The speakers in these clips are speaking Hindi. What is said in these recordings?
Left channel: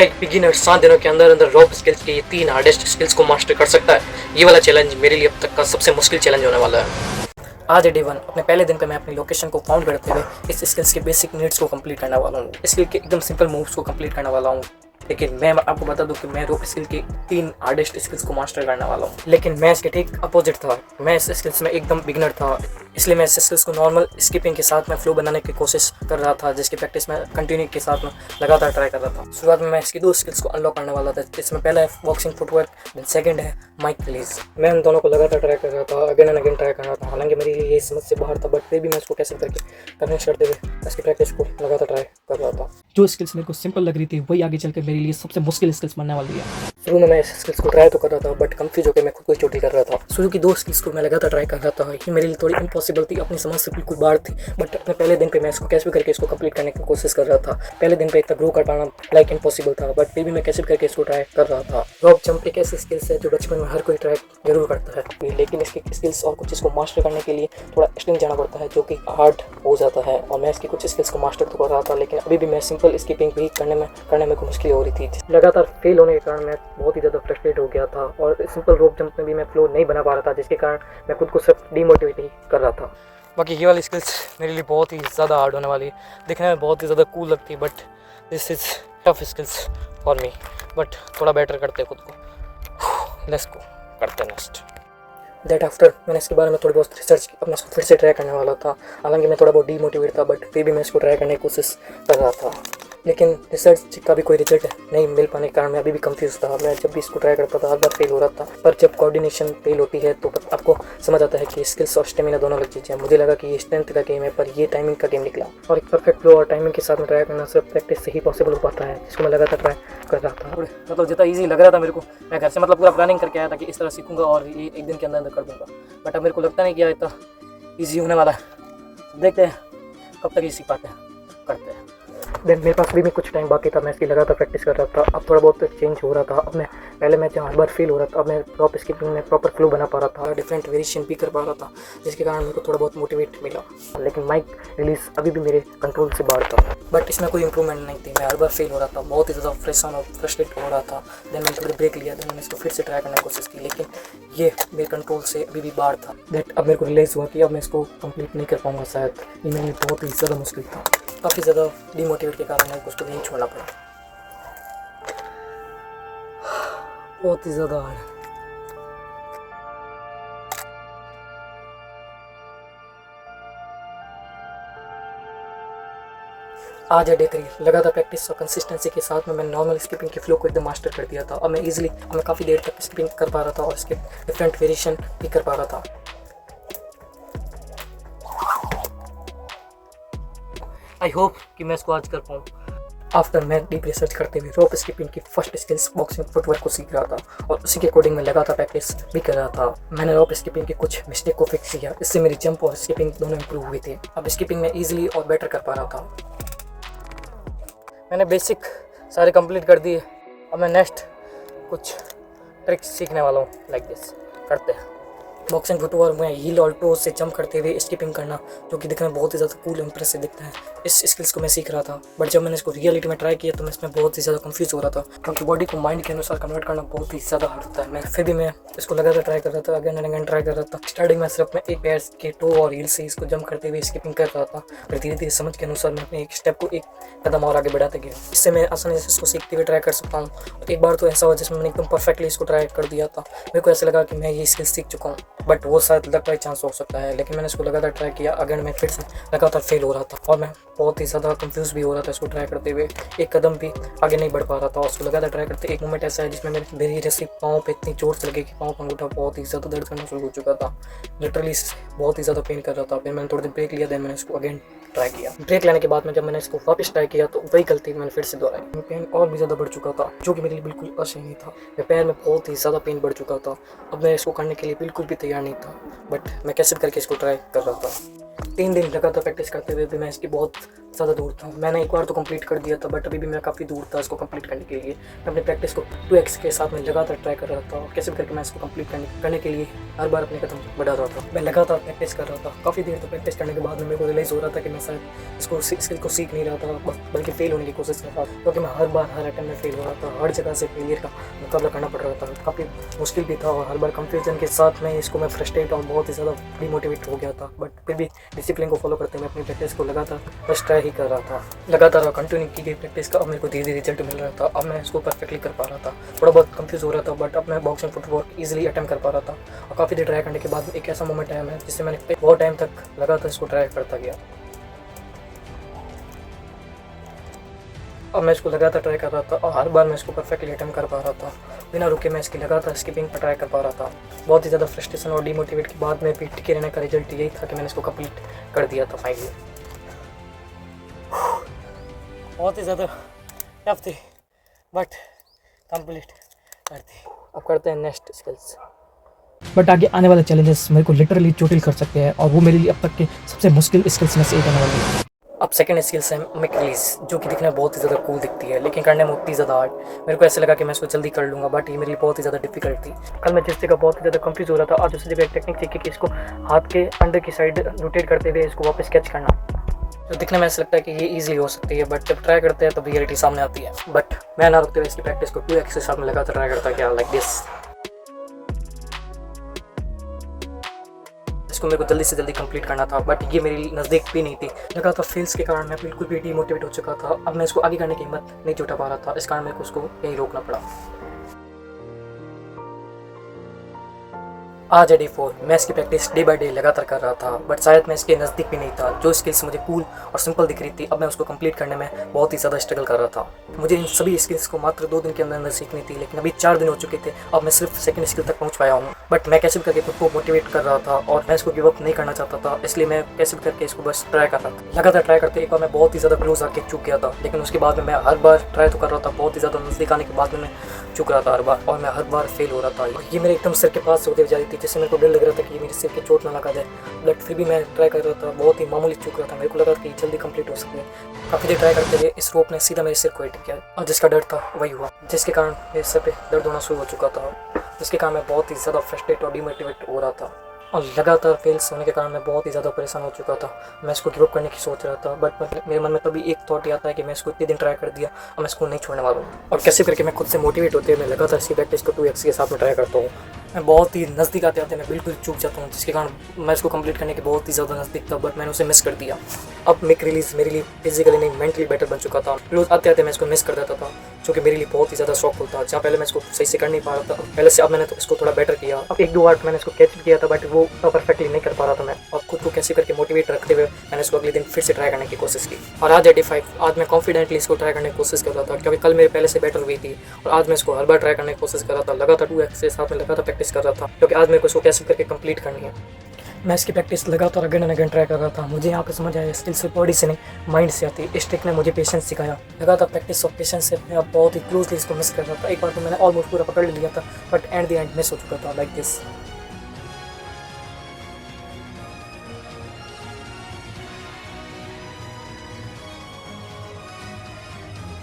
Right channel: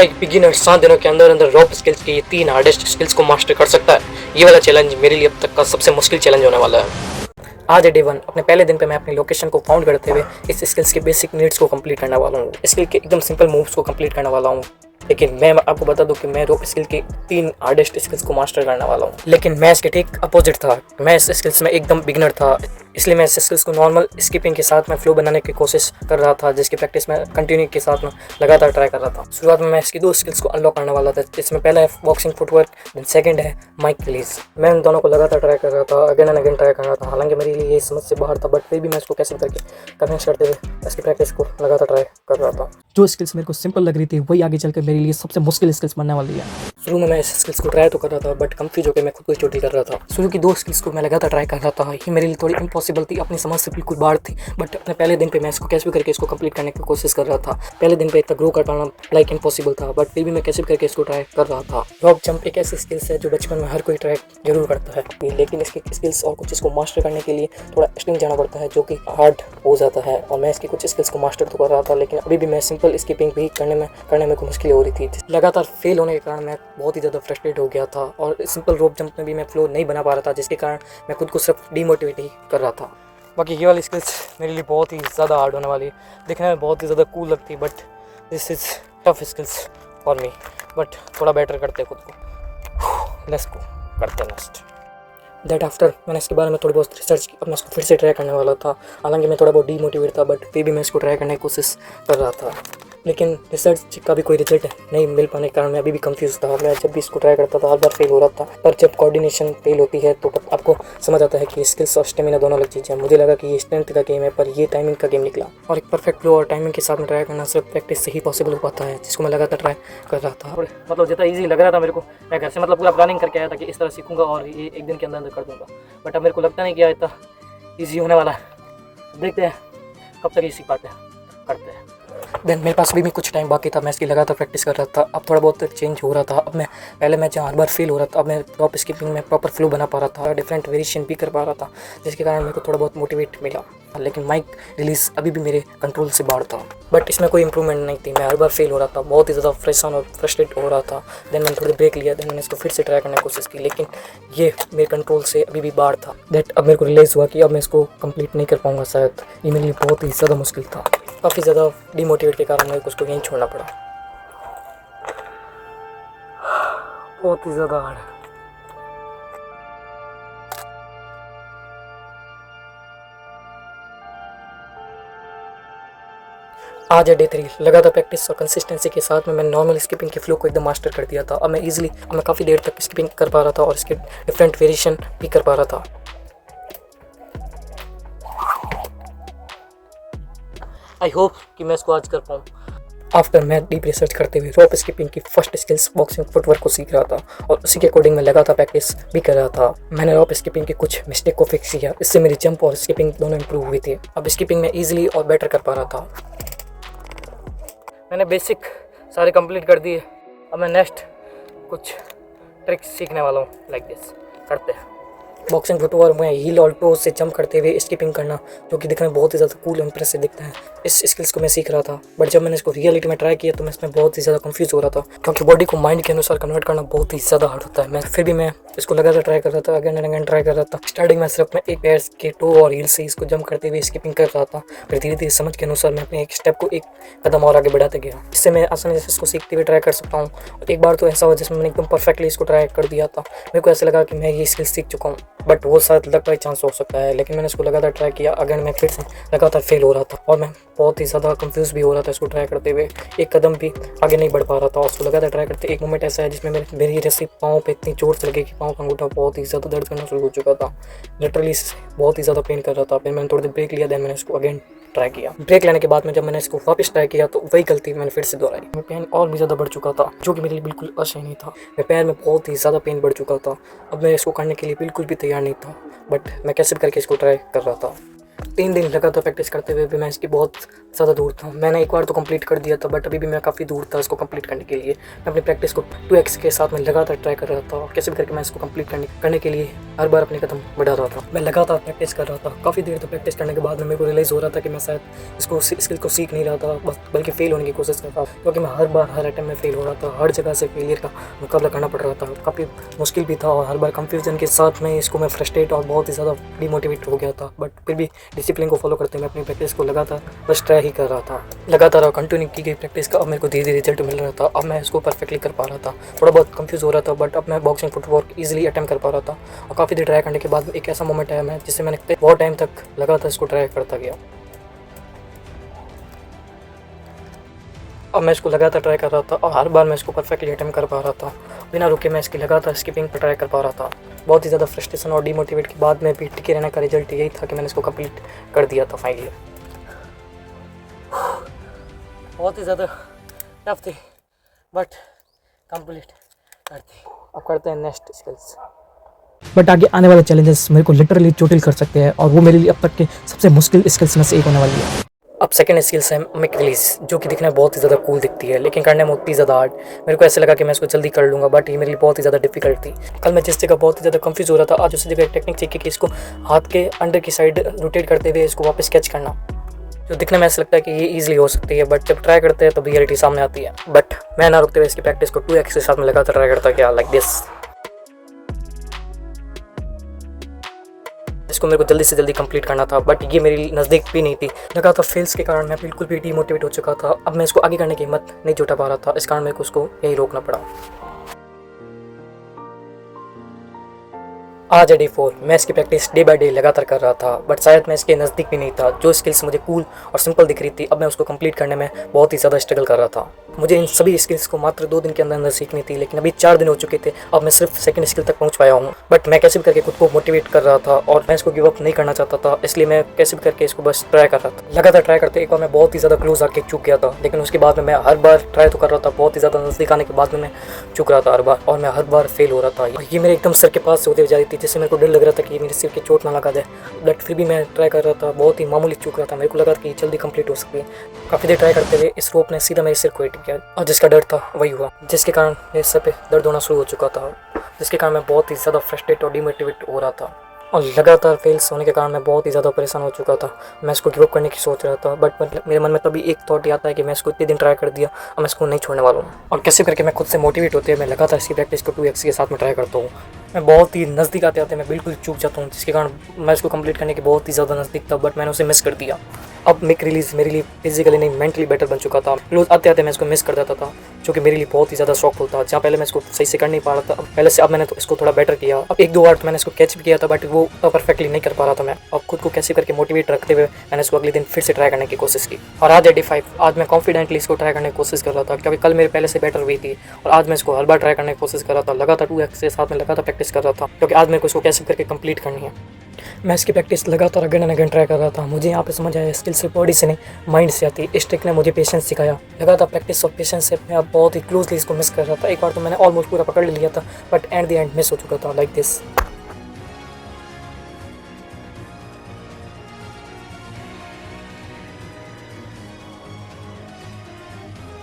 क्या एक बिगिनर 7 दिनों के अंदर अंदर रॉप स्किल्स की ये 3 हार्डेस्ट स्किल्स को मास्टर कर सकता है? ये वाला चैलेंज मेरे लिए अब तक का सबसे मुश्किल चैलेंज होने वाला है। आज है डे 1। अपने पहले दिन पे मैं अपनी लोकेशन को फाउंड करते हुए इस स्किल्स के बेसिक नीड्स को कंप्लीट करने वाला हूँ। स्किल के एकदम सिंपल मूव्स को कंप्लीट करने वाला हूँ। लेकिन मैं आपको बता दूं कि मैं रोप स्किल के 3 हार्डेस्ट स्किल्स को मास्टर करने वाला हूँ। लेकिन मैं इसके ठीक अपोजिट था। मैं इस स्किल्स में एकदम बिगिनर था, इसलिए मैं इस स्किल्स को नॉर्मल स्किपिंग के साथ में फ्लो बनाने की कोशिश कर रहा था, जिसकी प्रैक्टिस मैं कंटिन्यू के साथ में लगातार ट्राई कर रहा था। शुरुआत में मैं इसकी 2 स्किल्स को अनलॉक करने वाला था, जिसमें पहला है बॉक्सिंग फुटवर्क, देन सेकंड है माइक रिलीज। मैं उन दोनों को लगातार ट्राई कर रहा था, अगेन एंड अगेन ट्राई कर रहा था। हालांकि मेरे लिए ये समझ से बाहर था, बट फिर भी मैं इसको कैसे करके कन्विंस करते हुए इसकी प्रैक्टिस को लगातार ट्राई कर रहा था। जो स्किल्स मेरे को सिंपल लग रही थी वही आगे चलकर मेरे लिए सबसे मुश्किल स्किल्स बनने वाली है। शुरू में मैं इस स्किल्स को ट्राई तो कर रहा था, बट कंफ्यूज होकर मैं खुद को चोटी कर रहा था। शुरू की 2 स्किल्स को मैं लगातार ट्राई कर रहा था, ये मेरे लिए थोड़ी इम्पॉसिबल थी, अपनी समझ से बिल्कुल बाहर थी। बट अपने पहले दिन पे मैं इसको कैसे भी करके इसको कंप्लीट करने की कोशिश कर रहा था। पहले दिन पे एक ग्रो कर पाना लाइक इम्पॉसिबल था, बट फिर भी मैं कैसे भी करके इसको ट्राई कर रहा था। रॉप जंप एक ऐसी स्किल्स है जो बचपन में हर कोई ट्राई जरूर करता है, लेकिन इसकी स्किल्स और कुछ इसको मास्टर करने के लिए थोड़ा एक्सट्रीम जाना पड़ता है, जो कि हार्ड हो जाता है। और मैं इसकी कुछ स्किल्स को मास्टर तो कर रहा था, लेकिन अभी भी मैं सिंपल स्किपिंग भी करने में कुछ मुश्किल हो रही थी। लगातार फेल होने के कारण मैं बहुत ही ज़्यादा फ्रस्ट्रेट हो गया था, और सिंपल रोप जंप में भी मैं फ्लो नहीं बना पा रहा था, जिसके कारण मैं खुद को सिर्फ डीमोटिवेट ही कर रहा था। बाकी ये वाली स्किल्स मेरे लिए बहुत ही ज़्यादा हार्ड होने वाली है। दिखने में बहुत ही ज़्यादा कूल लगती है, but this is tough skills for me. But थोड़ा बेटर करते हैं खुद को। लेट्स गो, करते हैं नेक्स्ट। दैट आफ्टर मैंने इसके बारे में थोड़ी बहुत रिसर्च की, अब मैं इसको फिर से ट्राई करने वाला था। हालांकि मैं थोड़ा बहुत डीमोटिवेट था, बट फिर भी मैं इसको ट्राई करने की कोशिश कर रहा था। लेकिन रिसर्च का भी कोई रिजल्ट नहीं मिल पाने के कारण मैं अभी भी कंफ्यूज था। मैं जब भी इसको ट्राई करता था हर बार फेल हो रहा था, पर जब कोऑर्डिनेशन फेल होती है तो आपको समझ आता है कि स्किल्स और स्टेमिना दोनों अलग चीज़ें हैं। मुझे लगा कि ये स्ट्रेंथ का गेम है, पर ये टाइमिंग का गेम निकला। और एक परफेक्ट फ्लो और टाइमिंग के साथ में ट्राई करना सिर्फ प्रैक्टिस से ही पॉसिबल हो पाता है, जिसको मैं लगातार ट्राई कर रहा था। और मतलब जितना ईजी लग रहा था मेरे को, मैं घर से मतलब पूरा प्लानिंग करके आया था कि इस तरह सीखूंगा और ये एक दिन के अंदर कर दूंगा। बट अब मेरे को लगता नहीं कि इतना ईजी होने वाला है। देखते हैं कब तक ये सीख पाते हैं, करते हैं। देन मेरे पास भी कुछ टाइम बाकी था, मैं इसकी लगातार प्रैक्टिस कर रहा था। अब थोड़ा बहुत चेंज हो रहा था। अब मैं पहले मैं जहाँ हर बार फेल हो रहा था, अब मैं टॉप स्किपिंग में प्रॉपर फ्लो बना पा रहा था, डिफरेंट वेरिएशन भी कर पा रहा था, जिसके कारण मेरे को थोड़ा बहुत मोटिवेट मिला। लेकिन माइक रिलीज अभी भी मेरे कंट्रोल से बाहर था, बट इसमें कोई इंप्रूवमेंट नहीं थी। मैं हर बार फेल हो रहा था, बहुत ही ज़्यादा परेशान और फ्रस्ट्रेट हो रहा था। देन मैंने थोड़ी ब्रेक लिया, देन मैंने इसको फिर से ट्राई करने की कोशिश की, लेकिन ये मेरे कंट्रोल से अभी भी बाहर था। दैट अब मेरे को रियलाइज़ हुआ कि अब मैं इसको कंप्लीट नहीं कर पाऊंगा शायद। ये मेरे लिए बहुत ही ज़्यादा मुश्किल था। काफ़ी ज़्यादा डीमोटिवेट के कारण मेरे को उसको यहीं छोड़ना पड़ा। बहुत ही ज़्यादा हार्ड। आज है डे 3। लगातार प्रैक्टिस और कंसिस्टेंसी के साथ में मैंने नॉर्मल स्किपिंग के फ्लो को एकदम मास्टर कर दिया था। अब मैं काफ़ी देर तक स्किपिंग कर पा रहा था और इसके डिफरेंट वेरिएशन भी कर पा रहा था। आई होप कि मैं इसको आज कर पाऊँ। आफ्टर मैं डीप रिसर्च करते हुए रोप स्किपिंग की फर्स्ट स्किल्स बॉक्सिंग फुटवर्क को सीख रहा था, और उसी के अकॉर्डिंग मैं लगातार प्रैक्टिस भी कर रहा था। मैंने रोप स्किपिंग के कुछ मिस्टेक को फिक्स किया, इससे मेरी जंप और स्किपिंग दोनों इंप्रूव हुए थे। अब स्किपिंग में ईजिली और बेटर कर पा रहा था। मैंने बेसिक सारे कंप्लीट कर दिए। अब मैं नेक्स्ट कुछ ट्रिक्स सीखने वाला हूँ, लाइक दिस। करते हैं। बॉक्सिंग फुटवर्क में हील और टो से जंप करते हुए स्किपिंग करना, जो कि दिखने में बहुत ही ज़्यादा कूल इंप्रेसिव दिखता है। इस स्किल्स को मैं सीख रहा था, बट जब मैंने इसको रियलिटी में ट्राई किया तो मैं इसमें बहुत ही ज़्यादा कंफ्यूज हो रहा था, क्योंकि बॉडी को माइंड के अनुसार कन्वर्ट करना बहुत ही ज़्यादा हार्ड होता है। फिर भी मैं इसको लगातार ट्राई कर रहा था, अगेन एंड अगेन ट्राई कर रहा था। स्टार्टिंग में सिर्फ मैं एक पैर के टो और हील से इसको जंप करते हुए स्किपिंग कर रहा था, फिर धीरे धीरे समझ के अनुसार मैं अपने एक स्टेप को एक कदम और आगे बढ़ाते गया। इससे मैं आसानी से इसको सीखते हुए ट्राई कर सकता हूँ। एक बार तो ऐसा हुआ जिसमें मैंने एकदम परफेक्टली इसको ट्राई कर दिया था। मेरे को ऐसा लगा कि मैं ये स्किल सीख चुका हूँ, बट वो शायद लक बाई चांस हो सकता है। लेकिन मैंने इसको लगातार ट्राई किया, अगेन मैं फिर से लगातार फेल हो रहा था, और मैं बहुत ही ज़्यादा कंफ्यूज भी हो रहा था इसको ट्राई करते हुए। एक कदम भी आगे नहीं बढ़ पा रहा था। उसको लगातार ट्राई करते एक मोमेंट ऐसा है जिसमें मेरी रस्सी पाँव पे इतनी जोर से लगी कि पाँव का अंगूठा बहुत ही ज़्यादा दर्द करना शुरू हो चुका था। लिटरली बहुत ही ज़्यादा पेन कर रहा था। फिर मैंने थोड़ी देर ब्रेक लिया, देन मैंने इसको अगेन ट्राई किया। ब्रेक लेने के बाद में जब मैंने इसको वापस ट्राई किया तो वही गलती मैंने फिर से दोहराई। मेरा पेन और भी ज़्यादा बढ़ चुका था, जो कि मेरे लिए बिल्कुल असहनीय था। मेरे पैर में बहुत ही ज़्यादा पेन बढ़ चुका था। अब मैं इसको करने के लिए बिल्कुल भी तैयार नहीं था, बट मैं कैसे भी करके इसको ट्राई कर रहा था। 3 दिन लगातार प्रैक्टिस करते हुए भी मैं इसकी बहुत ज़्यादा दूर था। मैंने एक बार तो कंप्लीट कर दिया था, बट अभी भी मैं काफ़ी दूर था इसको कंप्लीट करने के लिए। मैं अपनी प्रैक्टिस को 2x के साथ में लगातार ट्राई कर रहा था और कैसे भी करके मैं इसको कंप्लीट करने के लिए हर बार अपने कदम बढ़ा रहा था। मैं लगातार प्रैक्टिस कर रहा था। काफ़ी देर तक प्रैक्टिस करने के बाद में मेरे को रियलाइज़ हो रहा था कि मैं शायद इसको स्किल को सीख नहीं रहा था, बल्कि फेल होने की कोशिश कर रहा था, क्योंकि मैं हर बार हर अटैम्प्ट में फेल हो रहा था। हर जगह से फेलियर का मुकाबला करना पड़ रहा था। काफ़ी मुश्किल भी था और हर बार कंफ्यूजन के साथ में इसको मैं फ्रस्ट्रेट और बहुत ही ज़्यादा डिमोटिवेट हो गया था। बट फिर भी डिसिप्लिन को फॉलो करते हुए अपनी प्रैक्टिस को लगातार बस ट्राई ही कर रहा था। लगातार और कंटिन्यू की गई प्रैक्टिस का अब मेरे को धीरे धीरे रिजल्ट मिल रहा था। अब मैं इसको परफेक्टली कर पा रहा था। थोड़ा बहुत कंफ्यूज हो रहा था, बट अब मैं बॉक्सिंग फुटवर्क ईजिली अटेम्प्ट कर पा रहा था। और काफ़ी देर ट्राई करने के बाद एक ऐसा मोमेंट आया मैं जिससे मैंने बहुत टाइम तक लगातार इसको ट्राई करता गया। अब मैं इसको लगातार ट्राई कर रहा था और हर बार मैं इसको परफेक्टली अटेम्प्ट कर पा रहा था। बिना रुके मैं इसकी लगातार स्किपिंग पर ट्राई कर पा रहा था। बहुत ही ज़्यादा फ्रस्ट्रेशन और डिमोटिवेट के बाद में भी टिके रहने का रिजल्ट यही था कि मैंने इसको कंप्लीट कर दिया था फाइनली। बहुत ही ज़्यादा टफ थी, बट कंप्लीट कर दी। अब करते हैं नेक्स्ट स्किल्स। बट आगे आने वाले चैलेंजेस मेरे को लिटरली चोटिल कर सकते हैं और वो मेरे लिए अब तक के सबसे मुश्किल स्किल्स में से एक होने वाली है। अब सेकंड स्किल्स है मिक रिलीज, जो कि दिखने में बहुत ही ज़्यादा कूल दिखती है, लेकिन करने में उतनी ज़्यादा हार्ड। मेरे को ऐसे लगा कि मैं इसको जल्दी कर लूँगा, बट ये मेरे लिए बहुत ही ज़्यादा डिफिकल्ट थी। कल मैं जिस जगह बहुत ही ज़्यादा कंफ्यूज हो रहा था, आज उसी जगह एक टेक्निक सीखी कि इसको हाथ के अंडर की साइड रोटेट करते हुए इसको वापस कैच करना, जो दिखने में ऐसा लगता है कि ये ईजिली हो सकती है, बट जब ट्राई करते हैं तो रियलिटी सामने आती है। बट मैं ना रुकते हुए इसकी प्रैक्टिस को 2x के साथ में लगातार ट्राई करता गया, लाइक दिस। इसको मेरे को जल्दी से जल्दी कंप्लीट करना था, बट ये मेरी नज़दीक भी नहीं थी। लगातार फेल्स के कारण मैं बिल्कुल भी डिमोटिवेट हो चुका था। अब मैं इसको आगे करने की हिम्मत नहीं जुटा पा रहा था, इस कारण मेरे को उसको यही रोकना पड़ा। आज है डे 4। मैं इसकी प्रैक्टिस डे बाय डे लगातार कर रहा था, बट शायद मैं इसके नज़दीक भी नहीं था। जो स्किल्स मुझे कूल और सिंपल दिख रही थी, अब मैं उसको कंप्लीट करने में बहुत ही ज़्यादा स्ट्रगल कर रहा था। मुझे इन सभी स्किल्स को मात्र 2 दिन के अंदर अंदर सीखनी थी, लेकिन अभी 4 दिन हो चुके थे। अब मैं सिर्फ सेकंड स्किल तक पहुंच पाया हूं। बट मैं कैसे भी करके खुद को मोटिवेट कर रहा था और मैं इसको गिव अप नहीं करना चाहता था, इसलिए मैं कैसे भी करके इसको बस ट्राई कर रहा था। लगातार ट्राई करते एक बार मैं बहुत ही ज़्यादा क्लोज आके चूक गया था, लेकिन उसके बाद में मैं हर बार ट्राई तो कर रहा था। बहुत ही ज़्यादा नज़दीक आने के बाद में मैं चूक रहा था हर बार, और मैं हर बार फेल हो रहा था। ये मेरे एकदम सर के पास होते जा रही थी, जिससे मेरे को डर लग रहा था कि मेरे सिर के चोट ना लगा दे। बट फिर भी मैं ट्राई कर रहा था। बहुत ही मामूली चूक रहा था। मेरे को लगा कि जल्दी कंप्लीट हो सकती है। काफ़ी देर ट्राई करते हुए इस रोप ने सीधा मेरे सिर को हिट किया, और जिसका डर था वही हुआ, जिसके कारण मेरे सर पे दर्द होना शुरू हो चुका था, जिसके कारण मैं बहुत ही ज़्यादा फ्रस्ट्रेट और डिमोटिवेट हो रहा था। और लगातार फेल्स होने के कारण मैं बहुत ही ज़्यादा परेशान हो चुका था। मैं इसको गिव अप करने की सोच रहा था, बट मेरे मन में तभी एक थॉट आता है कि मैं इसको इतने दिन ट्राई कर दिया, अब मैं इसको नहीं छोड़ने वाला हूँ। और कैसे करके मैं खुद से मोटिवेट होते हुए मैं लगातार इसकी प्रैक्टिस को 2x के साथ में ट्राई करता हूँ। मैं बहुत ही नज़दीक आते आते मैं बिल्कुल चूक जाता हूँ, जिसके कारण मैं इसको कंप्लीट करने के बहुत ही ज़्यादा नज़दीक था, बट मैंने उसे मिस कर दिया। अब मिक रिलीज मेरे लिए फिजिकली नहीं मेंटली बेटर बन चुका था। रोज आते आते मैं इसको मिस कर देता था, जो कि मेरे लिए बहुत ही ज़्यादा शॉकफुल था। जहाँ पहले मैं इसको सही से कर नहीं पा रहा था, पहले से अब मैंने तो इसको थोड़ा बेटर किया। अब 1-2 बार मैंने इसको कैच भी किया था, बट वो परफेक्टली नहीं कर पा रहा था मैं। अब खुद को कैसे करके मोटिवेट रखते हुए मैंने इसको अगले दिन फिर से ट्राई करने की कोशिश की। और आज है डे 5। आज मैं कॉन्फिडेंटली इसको ट्राई करने की कोशिश कर रहा था, क्योंकि कल मेरे पहले से बेटर हुई थी, और आज मैं इसको हर बार ट्राई करने की कोशिश कर रहा था। लगातार 2x के साथ में लगातार प्रैक्टिस कर रहा था, क्योंकि आज मेरे को इसको कैसे करके कंप्लीट करनी है। मैं इसकी प्रैक्टिस लगातार अगेन एंड अगेन ट्राई कर रहा था। मुझे यहाँ पे समझ आया स्किल सिर्फ बॉडी से नहीं माइंड से आती है। इस ट्रिक ने मुझे पेशेंस सिखाया। लगातार प्रैक्टिस और पेशेंस से मैं अब बहुत ही क्लोजली इसको मिस कर रहा था। एक बार तो मैंने ऑलमोस्ट पूरा पकड़ लिया था, but at the end miss हो चुका था, लाइक दिस।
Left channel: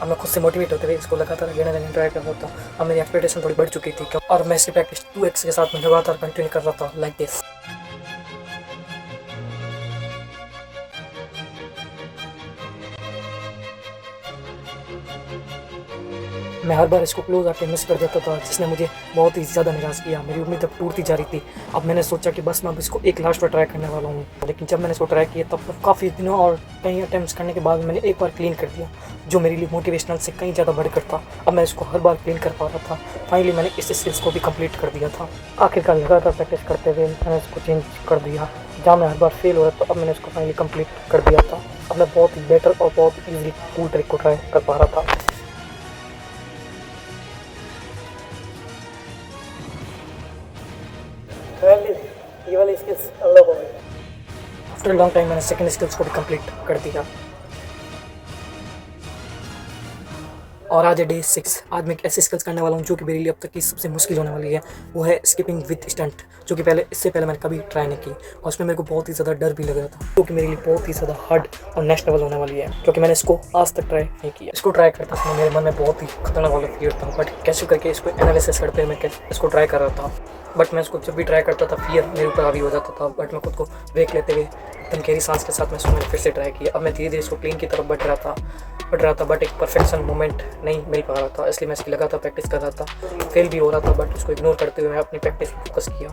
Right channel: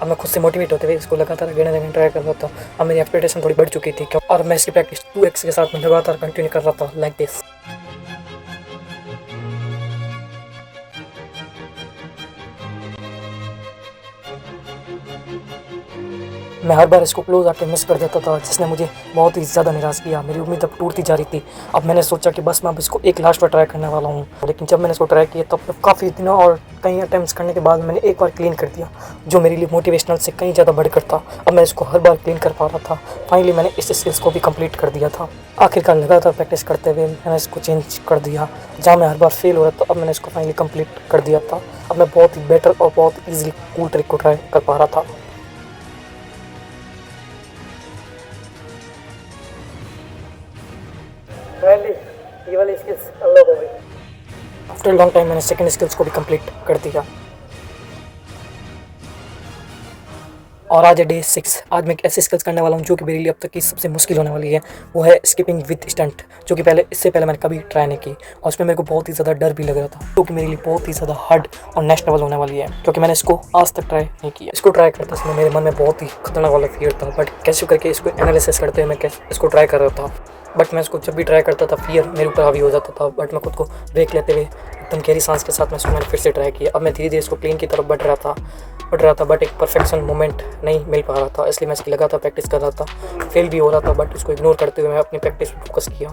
अब मैं खुद से मोटिवेट होते हुए इसको लगातार अगेन एंड अगेन ट्राई कर रहा था। अब मेरी एक्सपेक्टेशन थोड़ी बढ़ चुकी थी, और मैं इसकी प्रैक्टिस 2x के साथ में लगातार कंटिन्यू कर रहा था, लाइक दिस। मैं हर बार इसको क्लोज आके मिस कर देता था, जिसने मुझे बहुत ही ज़्यादा निराश किया। मेरी उम्मीद अब टूटती जा रही थी। अब मैंने सोचा कि बस मैं अब इसको एक लास्ट बार ट्राई करने वाला हूँ। लेकिन जब मैंने इसको ट्राई किया तब काफ़ी दिनों और कई अटैम्प्ट्स करने के बाद मैंने एक बार क्लीन कर दिया, जो मेरे लिए मोटिवेशनल से कहीं ज़्यादा बढ़कर था। अब मैं इसको हर बार क्लीन कर पा रहा था। फाइनली मैंने इस स्किल्स को भी कंप्लीट कर दिया था। आखिरकार लगातार प्रैक्टिस करते हुए मैंने इसको चेंज कर दिया। जहाँ मैं हर बार फेल हो रहा था, अब मैंने इसको फाइनली कंप्लीट कर दिया था। अब मैं बहुत ही बेटर और बहुत ईजिली कूल ट्रिक को ट्राई कर पा रहा था। ये वाली स्किल्स अनलॉक हो गई। आफ्टर लॉन्ग टाइम मैंने सेकंड स्किल्स को भी कंप्लीट कर दिया, और आज है डे 6। आज मैं एक ऐसी स्किल्स करने वाला हूँ जो कि मेरे लिए अब तक की सबसे मुश्किल होने वाली है। वो है स्किपिंग विद स्टंट, जो कि इससे पहले मैंने कभी ट्राई नहीं की और उसमें मेरे को बहुत ही ज़्यादा डर भी लग रहा था, क्योंकि मेरे लिए बहुत ही ज़्यादा हार्ड और नेक्स्ट लेवल होने वाली है, क्योंकि मैंने इसको आज तक ट्राई नहीं किया। इसको ट्राई करते समय मेरे मन में बहुत ही खतरनाक वाला फियर था, बट कैसे करके इसको एनालिसिस करते हुए मैं इसको ट्राई कर रहा था। बट मैं इसको जब भी ट्राई करता था फियर मेरे ऊपर हावी हो जाता था, बट मैं खुद को ब्रेक लेते हुए एकदम गहरी सांस के साथ मैं इसको फिर से ट्राई किया। अब मैं धीरे धीरे इसको प्लेन की तरफ बढ़ रहा था, बट एक परफेक्शन मोमेंट नहीं मिल पा रहा था, इसलिए मैं इसकी लगातार प्रैक्टिस कर रहा था। फेल भी हो रहा था, बट उसको इग्नोर करते हुए मैं अपनी प्रैक्टिस पर फोकस किया।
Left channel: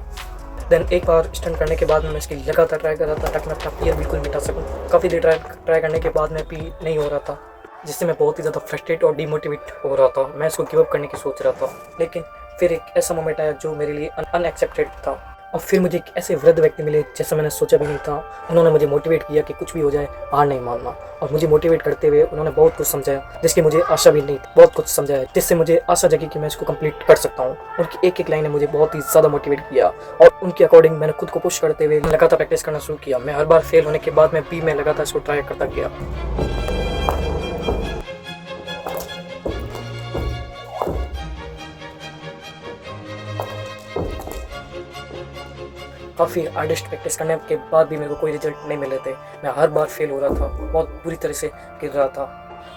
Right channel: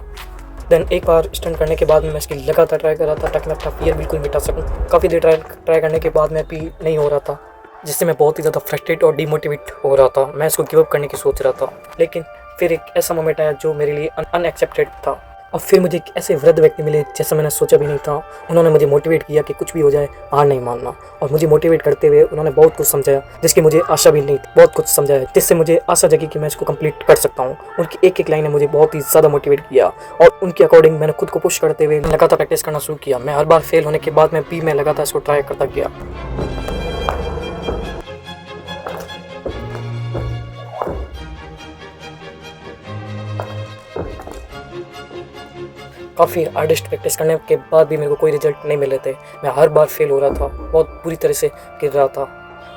देन एक बार स्टंट करने के बाद मैं इसकी लगातार ट्राई कर रहा था ताकि मैं अपना फियर बिल्कुल मिटा सकूँ। काफ़ी देर ट्राई करने के बाद मैं भी नहीं हो रहा था, जिससे मैं बहुत ही ज़्यादा फ्रस्ट्रेट और डिमोटिवेट हो रहा था। मैं इसको गिव अप करने की सोच रहा था, लेकिन फिर एक ऐसा मोमेंट आया जो मेरे लिए अनएक्सेप्टेड था। और फिर मुझे एक ऐसे वृद्ध व्यक्ति मिले जैसा मैंने सोचा भी नहीं था। उन्होंने मुझे मोटिवेट किया कि कुछ भी हो जाए हार नहीं मानना, और मुझे मोटिवेट करते हुए उन्होंने बहुत कुछ समझाया जिसकी मुझे आशा भी नहीं थी। बहुत कुछ समझाया जिससे मुझे आशा जगी कि मैं इसको कंप्लीट कर सकता हूँ। उनकी एक एक लाइन ने मुझे बहुत ही ज़्यादा मोटिवेट किया, और उनके अकॉर्डिंग मैंने खुद को पुश करते हुए लगातार प्रैक्टिस करना शुरू किया। मैं हर बार फेल होने के बाद मैं लगातार इसको ट्राई करता गया। काफ़ी हार्डेस्ट प्रैक्टिस करने के बाद भी मेरे को कोई रिजल्ट नहीं मिले थे। मैं हर बार फेल हो रहा था, बहुत बुरी तरह से गिर रहा था।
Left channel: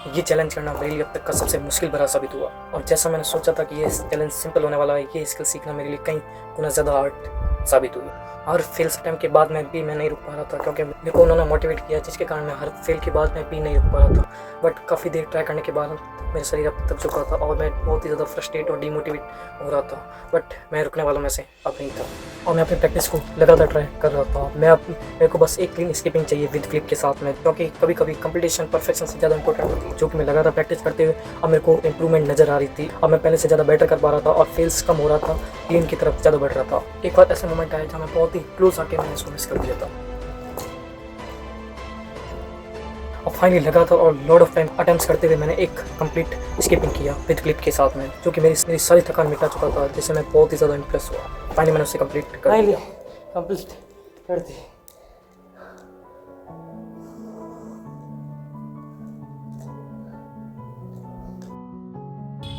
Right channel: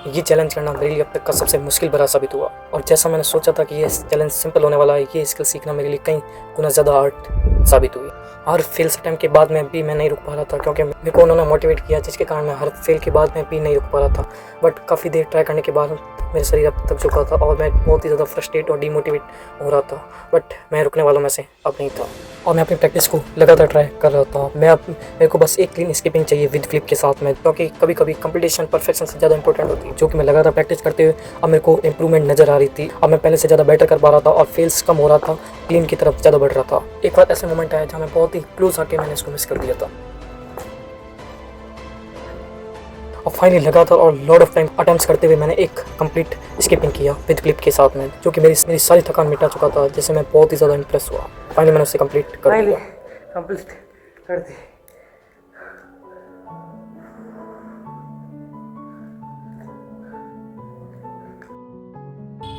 ये चैलेंज करना मेरे लिए अब तक का सबसे मुश्किल भरा साबित हुआ, और जैसा मैंने सोचा था कि ये चैलेंज सिंपल होने वाला है, ये स्किल सीखना मेरे लिए कई गुना ज़्यादा हार्ड साबित हुई। हर फेल अटैम्प्ट के बाद मैं नहीं रुक पा रहा था, क्योंकि मेरे को उन्होंने मोटिवेट किया, जिसके कारण मैं हर फेल के बाद मैं भी नहीं रुक पा रहा था। बट काफ़ी देर ट्राई करने के बाद मेरा शरीर अब तक झुका था और मैं बहुत ही ज़्यादा फ्रस्ट्रेट और डिमोटिवेट हो रहा था, बट मैं रुकने वालों में से अब नहीं था, और मैं अपनी प्रैक्टिस को लगातार ट्राई कर रहा था। मेरे को बस एक क्लीन स्किपिंग चाहिए विद फ्लिप के साथ में, क्योंकि कभी कभी कंपटीशन परफेक्शन से ज़्यादा इंपॉर्टेंट होती है, जो कि मैं लगातार प्रैक्टिस करते हुए अब मेरे को इंप्रूवमेंट नज़र आ रही थी। अब मैं पहले से ज़्यादा बेटर कर पा रहा था और फेल्स कम हो रहा था, क्लीन की तरफ ज़्यादा बढ़ रहा था। एक और ऐसा मोमेंट आया जहाँ मैं बहुत ही क्लोज आके मैंने इसको मिस कर दिया था, और फाइनली लगातार और लॉट ऑफ टाइम अटेम्प्ट्स करते हुए मैंने एक कंप्लीट स्किपिंग किया विद क्लिप के साथ में, जो कि मेरी सारी थकान मिटा चुका था, जिससे मैं बहुत ही ज़्यादा इंप्रेस हुआ। फाइनली मैंने उसे कंप्लीट कर दिया।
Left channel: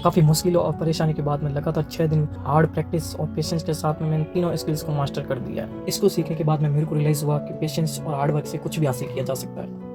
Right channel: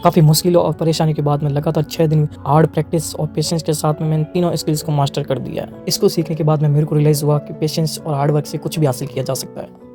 काफ़ी मुश्किलों और परेशानी के बाद में लगातार 6 दिन हार्ड प्रैक्टिस और पेशेंस के साथ में मैंने तीनों स्किल्स को मास्टर कर दिया है। इसको सीखने के बाद में मेरे को रियलाइज़ हुआ कि पेशेंस और हार्ड वर्क से कुछ भी हासिल किया जा सकता है।